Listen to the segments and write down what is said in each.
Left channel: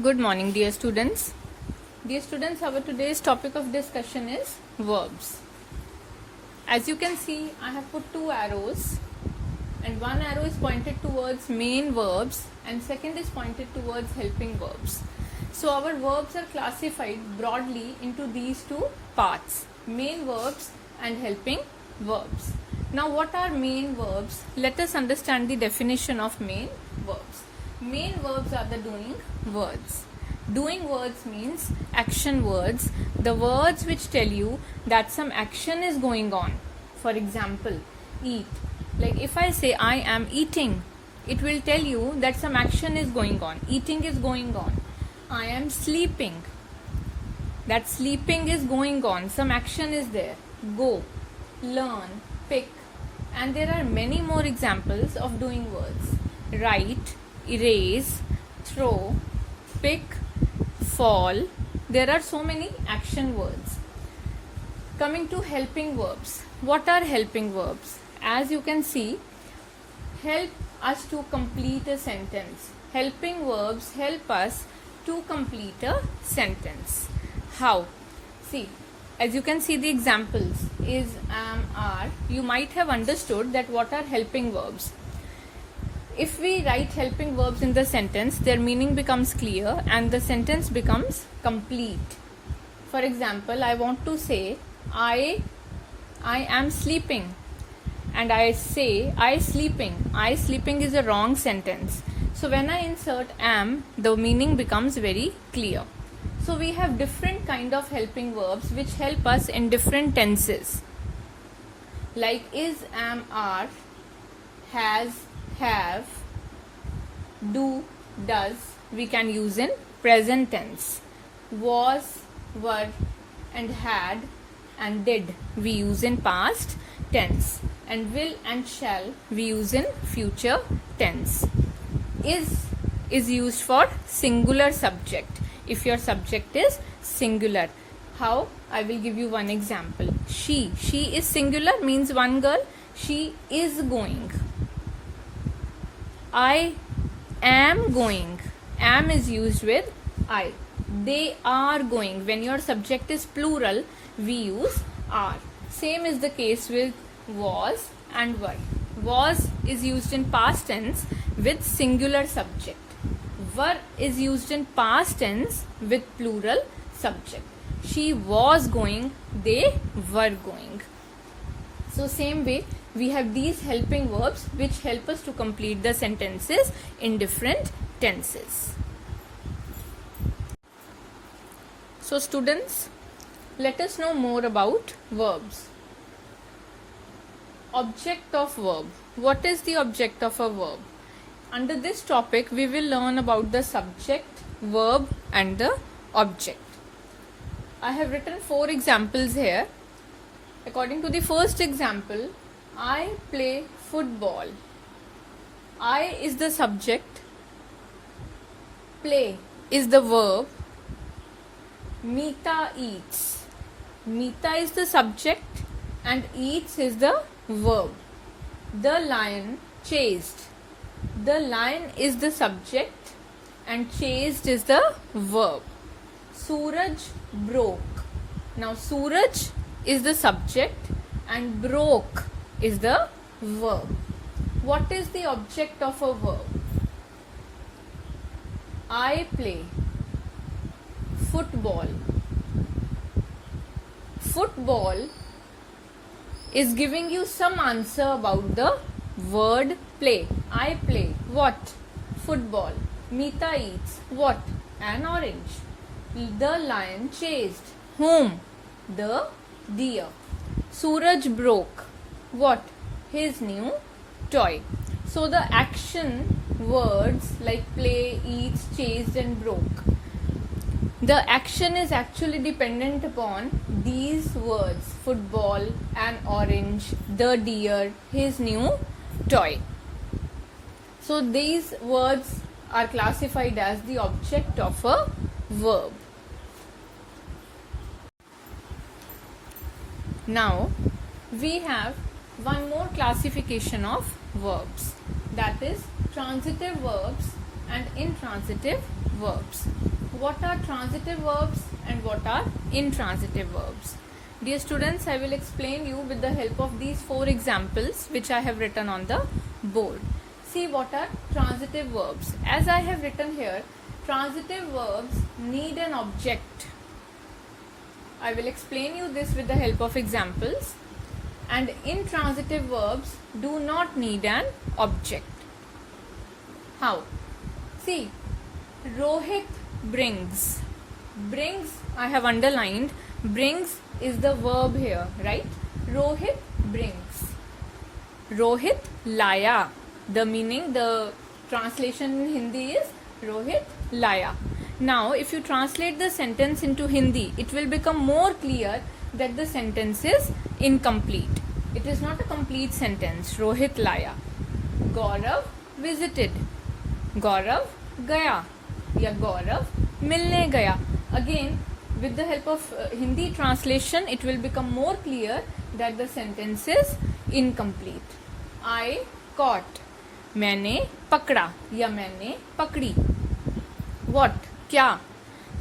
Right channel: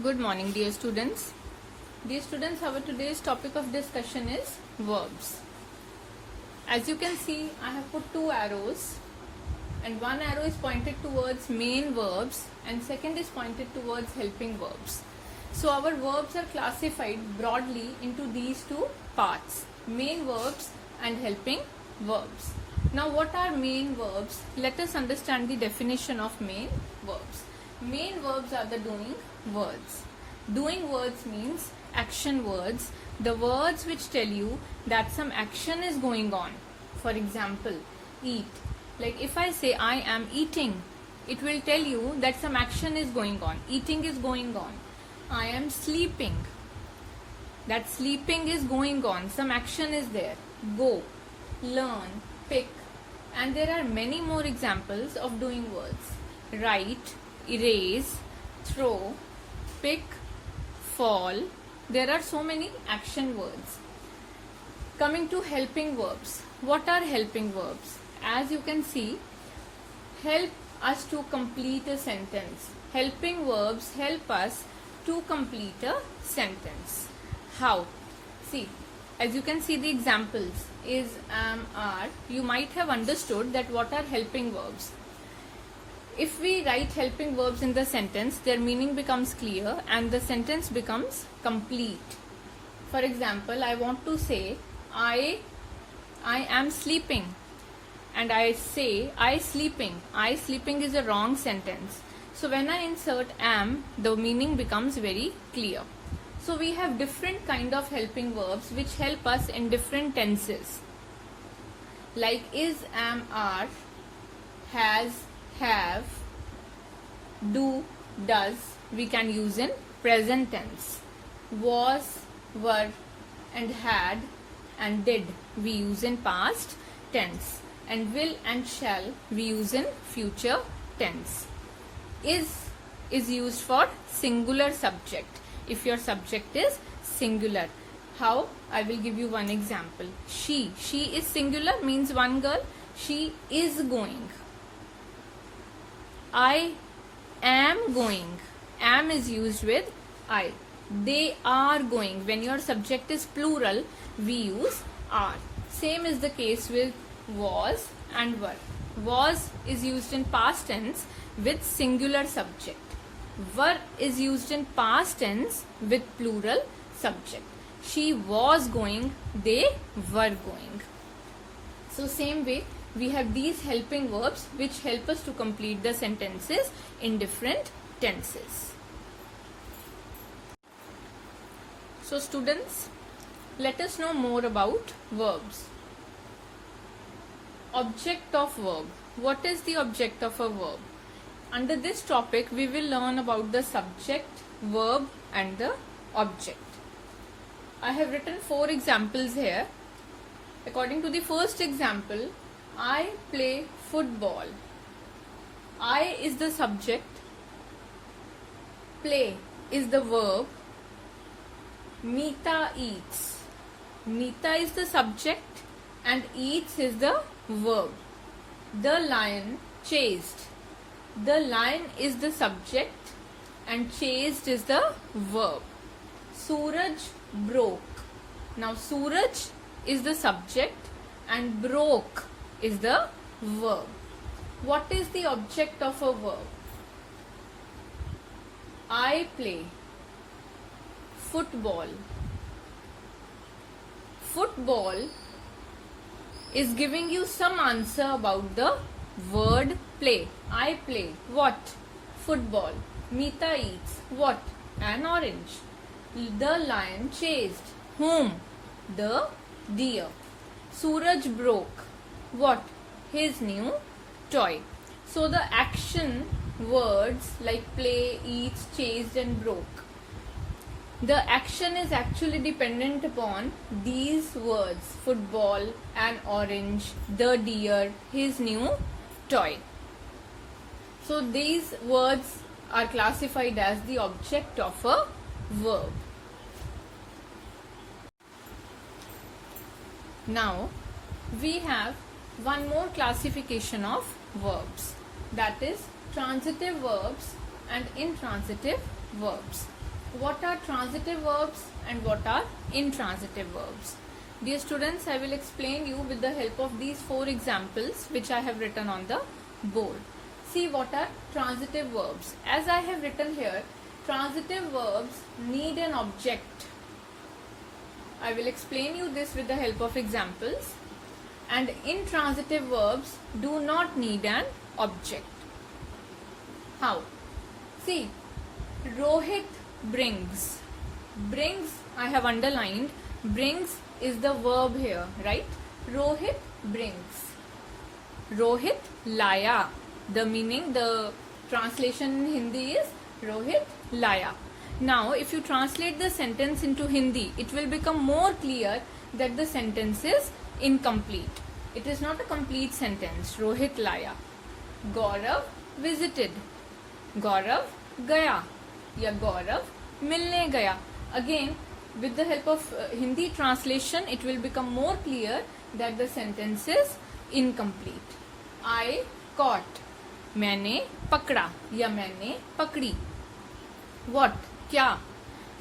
Good morning, dear students. Dear students, our today's topic of discussion is verbs. As you can see, I have put two arrows, and one arrow is pointed towards main verbs and second is pointed towards helping verbs. So our verbs are classified broadly into these two parts, main verbs and helping verbs. Now what are main verbs? Let us understand the definition of main verbs. Main verbs are the doing words. Doing words means action words, the words which tell you that some action is going on. For example, eat. Like if I say I am eating, it will tell you that some action is going on. Eating is going on. I am sleeping. That sleeping is going on. Some action is there. Go, learn, pick. And there are many more examples of doing words. Write, erase, throw, pick, fall. There are so many action words. Coming to helping verbs. What are helping verbs? As you can see, help us to complete a sentence. Helping verbs help us to complete a sentence. How? See, as you can see the examples is, am, are. You might have understood that what are helping verbs. If we write helping verbs in the sentence, their meaning becomes clear and the sentence becomes complete. For example, I want to say, I am sleeping. And I say, I sleeping. I sleeping is a wrong sentence. So when I insert am, the meaning becomes very clear. So we have different kind of helping verbs which help us in different tenses. Like is, am, are, has, have, do, does, we can use in present tense. Was, were, and had, and did, we use in past tense. And will and shall, we use in future tense. Is used for singular subject. If your subject is singular. How? I will give you one example. She is singular, means one girl. She is going. I am going. Am is used with I. They are going. When your subject is plural, we use are. Same is the case with was and were. Was is used in past tense with singular subject. Were is used in past tense with plural subject. She was going, they were going. So same way, we have these helping verbs which help us to complete the sentences in different tenses. So students, let us know more about verbs. Object of verb. What is the object of a verb? Under this topic, we will learn about the subject, verb and the object. I have written 4 examples here. According to the first example, I play football. I is the subject, play is the verb, Meeta eats. Meeta is the subject and eats is the verb. The lion chased. The lion is the subject and chased is the verb. Suraj broke. Now Suraj is the subject and broke is the verb. What is the object of a verb? I play football. Football is giving you some answer about the word play. I play what? Football. Meeta eats what? An orange. The lion chased whom? The deer. Suraj broke what? His new toy. So the action words like play, eats, chased and broke. The action is actually dependent upon these words, football, an orange, the deer, his new toy. So these words are classified as the object of a verb. Now we have one more classification of verbs, that is transitive verbs and intransitive verbs. What are transitive verbs and what are intransitive verbs? Dear students, I will explain you with the help of these 4 examples which I have written on the board. See what are transitive verbs. As I have written here, transitive verbs need an object. I will explain you this with the help of examples. And intransitive verbs do not need an object. How? See, Rohit brings. Brings, I have underlined. Brings is the verb here, right? Rohit brings. Rohit laya. The meaning, the translation in Hindi is Rohit laya. Now, if you translate the sentence into Hindi, it will become more clear that the sentence is incomplete. It is not a complete sentence. Rohit laya. Gaurav visited. Gaurav gaya. Ya Gaurav milne gaya. Again, with the help of Hindi translation, it will become more clear that the sentence is incomplete. I caught. मैंने पकड़ा या मैंने पकड़ी. What? क्या?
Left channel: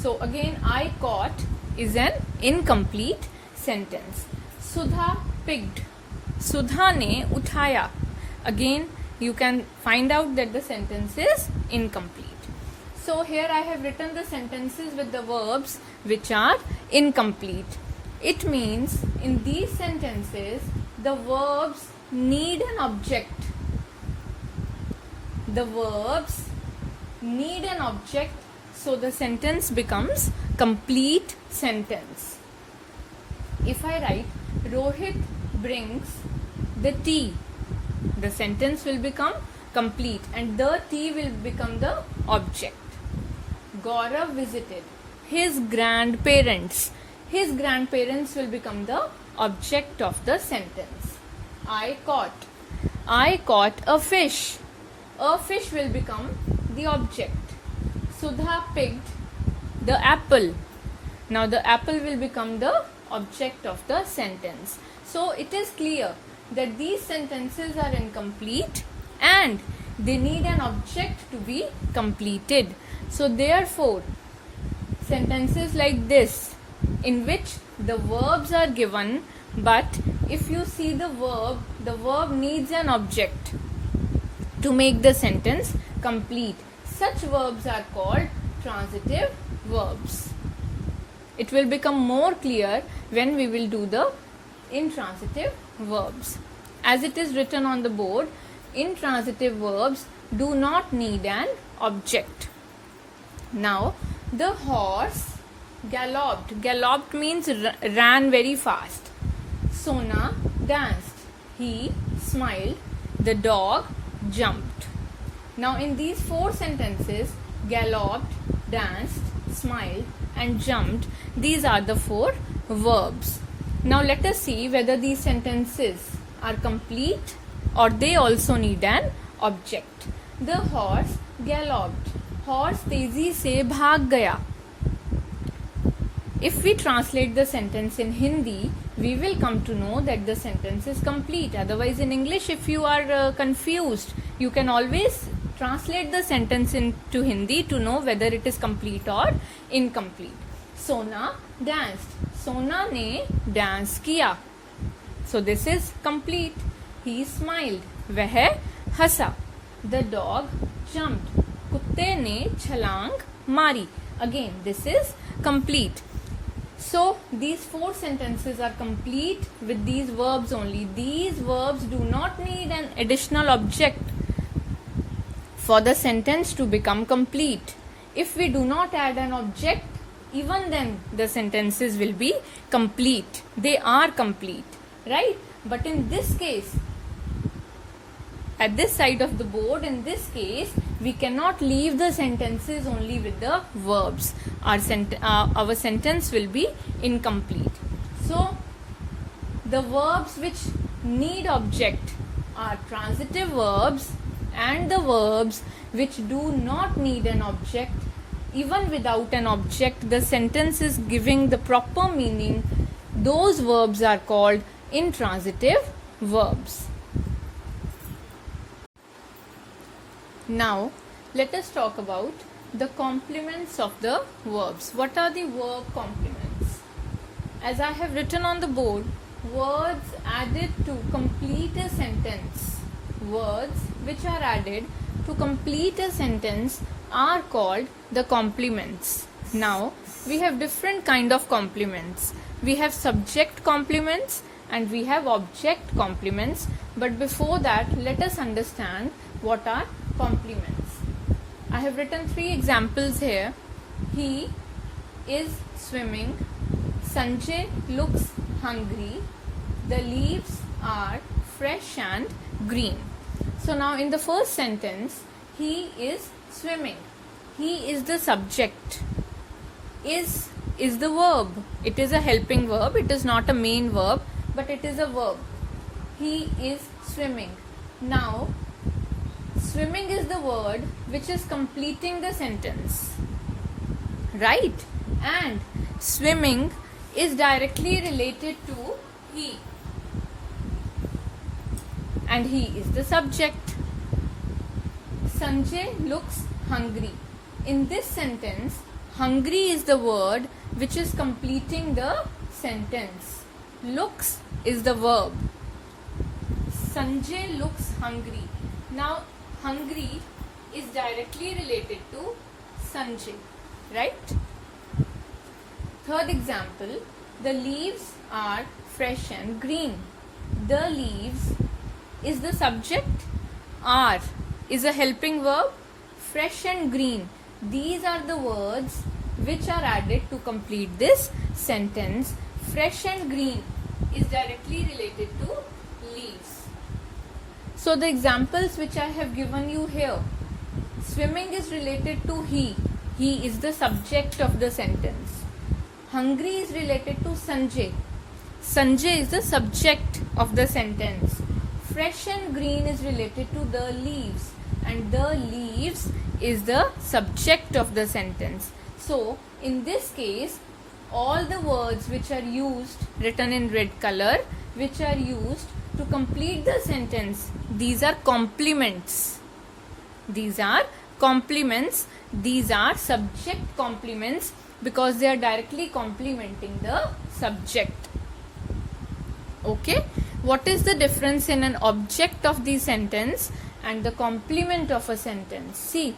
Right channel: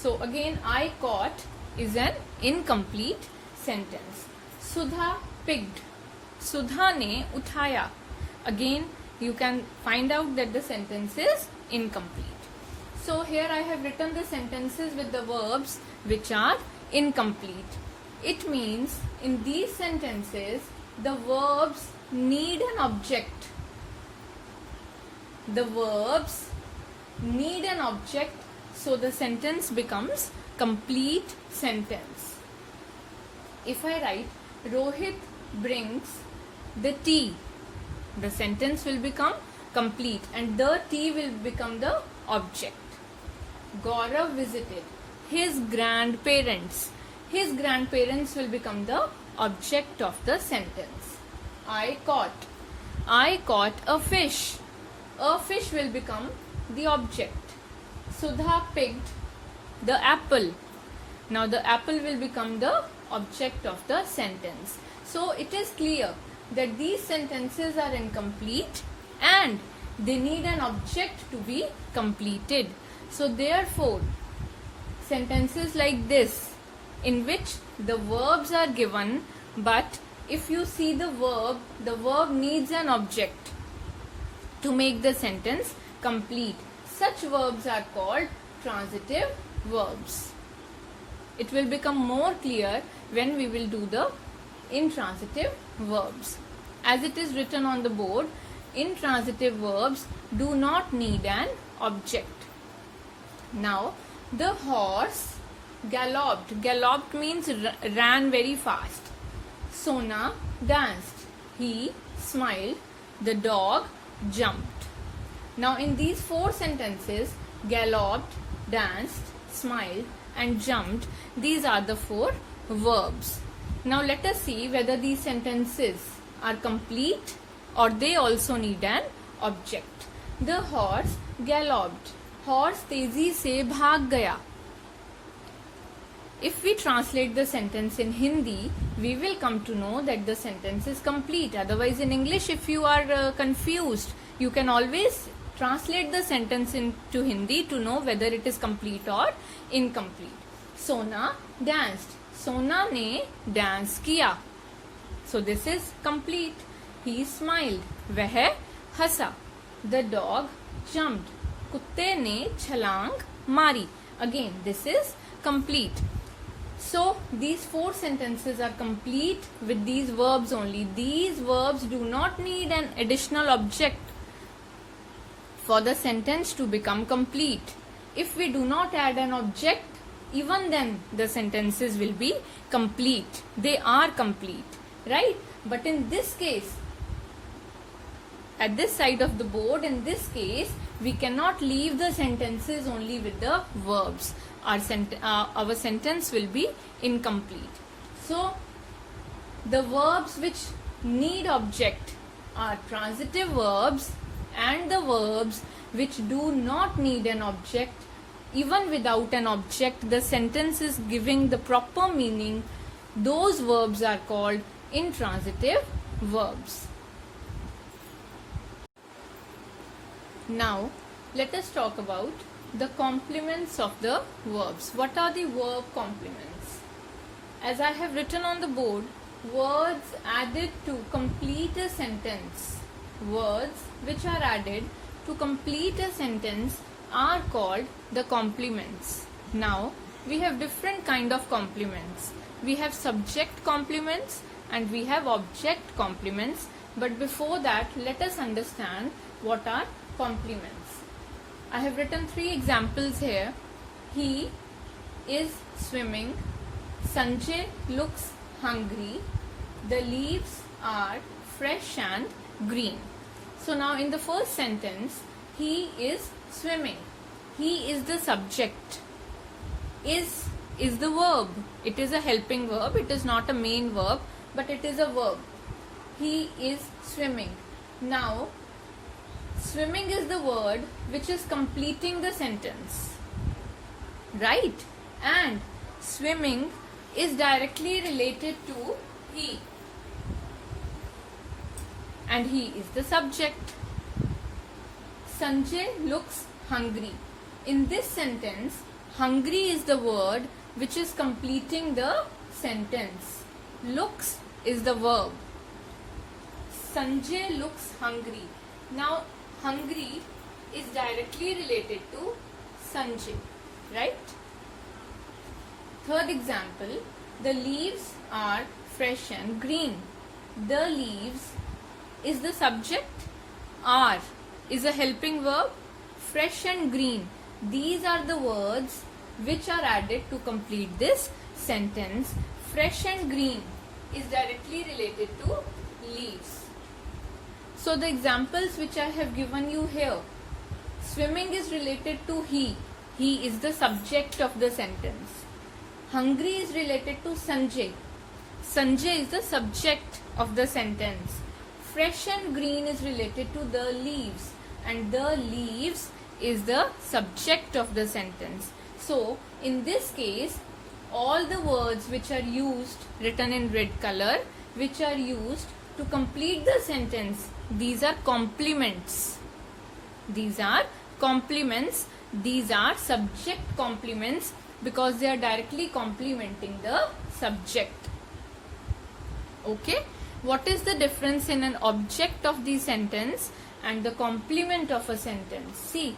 So again, I caught is an incomplete sentence. Sudha picked. Sudha ने उठाया. Again, you can find out that the sentence is incomplete. So here I have written the sentences with the verbs which are incomplete. It means in these sentences, the verbs need an object. The verbs need an object, so the sentence becomes complete sentence. If I write Rohit brings the tea, the sentence will become complete and the tea will become the object. Gaurav visited his grandparents. His grandparents will become the object of the sentence. I caught a fish. A fish will become the object. Sudha picked the apple. Now the apple will become the object of the sentence. So it is clear that these sentences are incomplete and they need an object to be completed. So therefore, sentences like this, in which the verbs are given, but if you see the verb needs an object to make the sentence complete. Such verbs are called transitive verbs. It will become more clear when we will do the intransitive verbs. As it is written on the board, intransitive verbs do not need an object. Now, the horse galloped. Galloped means ran very fast. Sona danced. He smiled. The dog jumped. Now, in these 4 sentences, galloped, danced, smiled and jumped, these are the 4 verbs. Now, let us see whether these sentences are complete or they also need an object. The horse galloped. Horse तेजी से भाग गया. If we translate the sentence in Hindi, we will come to know that the sentence is complete. Otherwise, in English, if you are confused, you can always translate the sentence into Hindi to know whether it is complete or incomplete. Sona danced. Sona ने dance किया. So this is complete. He smiled. वह हंसा. The dog jumped. कुत्ते ने छलांग मारी. Again, this is complete. So, these 4 sentences are complete with these verbs only. These verbs do not need an additional object for the sentence to become complete. If we do not add an object, even then the sentences will be complete. They are complete, right? But in this case, at this side of the board, in this case, we cannot leave the sentences only with the verbs. Our sentence will be incomplete. So, the verbs which need object are transitive verbs, and the verbs which do not need an object. Even without an object, the sentence is giving the proper meaning. Those verbs are called intransitive verbs. Now, let us talk about the complements of the verbs. What are the verb complements? As I have written on the board, words added to complete a sentence. Words which are added to complete a sentence are called the complements. Now, we have different kind of complements. We have subject complements and we have object complements. But before that, let us understand what are complements. I have written 3 examples here. He is swimming. Sanjay looks hungry. The leaves are fresh and green. So now in the first sentence, he is swimming. He is the subject. Is the verb. It is a helping verb. It is not a main verb, but it is a verb. He is swimming. Now, swimming is the word which is completing the sentence. Right? And swimming is directly related to he. And he is the subject. Sanjay looks hungry. In this sentence, hungry is the word which is completing the sentence. Looks is the verb. Sanjay looks hungry. Now, hungry is directly related to Sanjay. Right? Third example, the leaves are fresh and green. The leaves is the subject. Are is a helping verb. Fresh and green. These are the words which are added to complete this sentence. Fresh and green is directly related to leaves. So the examples which I have given you here. Swimming is related to he. He is the subject of the sentence. Hungry is related to Sanjay. Sanjay is the subject of the sentence. Fresh and green is related to the leaves. And the leaves is the subject of the sentence. So, in this case, all the words which are used, written in red color, which are used to complete the sentence, these are complements. These are complements. These are subject complements because they are directly complementing the subject. Okay? What is the difference in an object of the sentence and the complement of a sentence? See,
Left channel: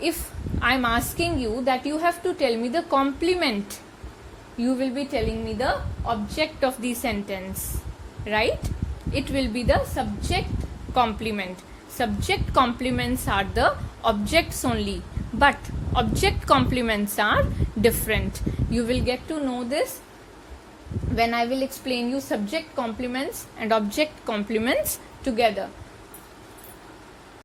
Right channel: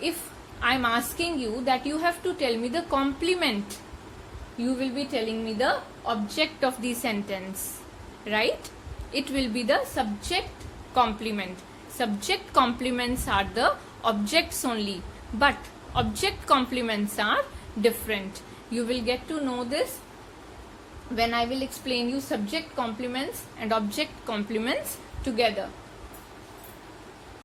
if I am asking you that you have to tell me the complement, you will be telling me the object of the sentence, right? It will be the subject complement. Subject complements are the objects only, but object complements are different. You will get to know this when I will explain you subject complements and object complements together.